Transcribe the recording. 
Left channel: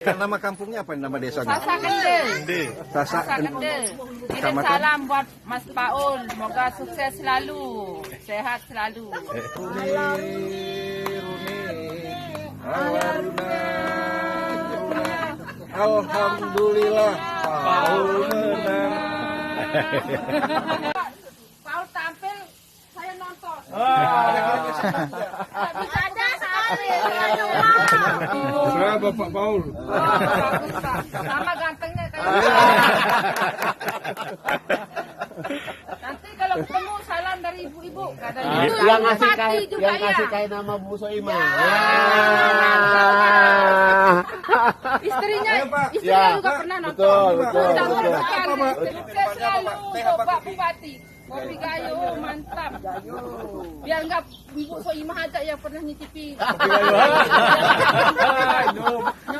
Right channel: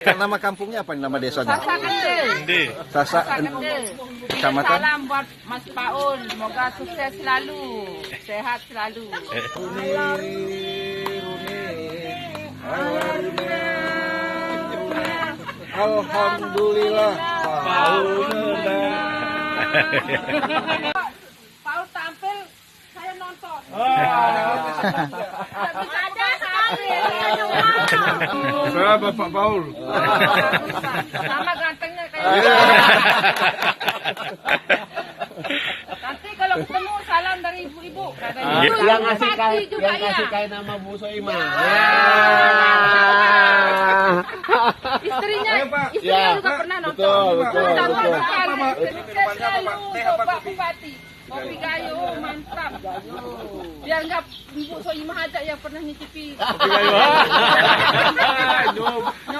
Nama kampungnya apa? Nama desanya? Sasa Gede. Hindi. Sasa Gede. Kecamatan? Salam buat Mas Paul. Semoga sukses selalu. Sehat selalu. Alhamdulillah. Paul tampil, saya nonton. Bisa ada sekali. Berapa Pak Paul? Sama gantengnya kayak nanti kalau ketemu salam dari ibu-ibu. Yang kasih kain nama Bu Soima. Istrinya Ya, juga pernah nonton. betul. Sukses selalu Bapak Bupati. Kopi Gayo mantap. Dia enggak Bu Soimah aja yang pernah nyicipi.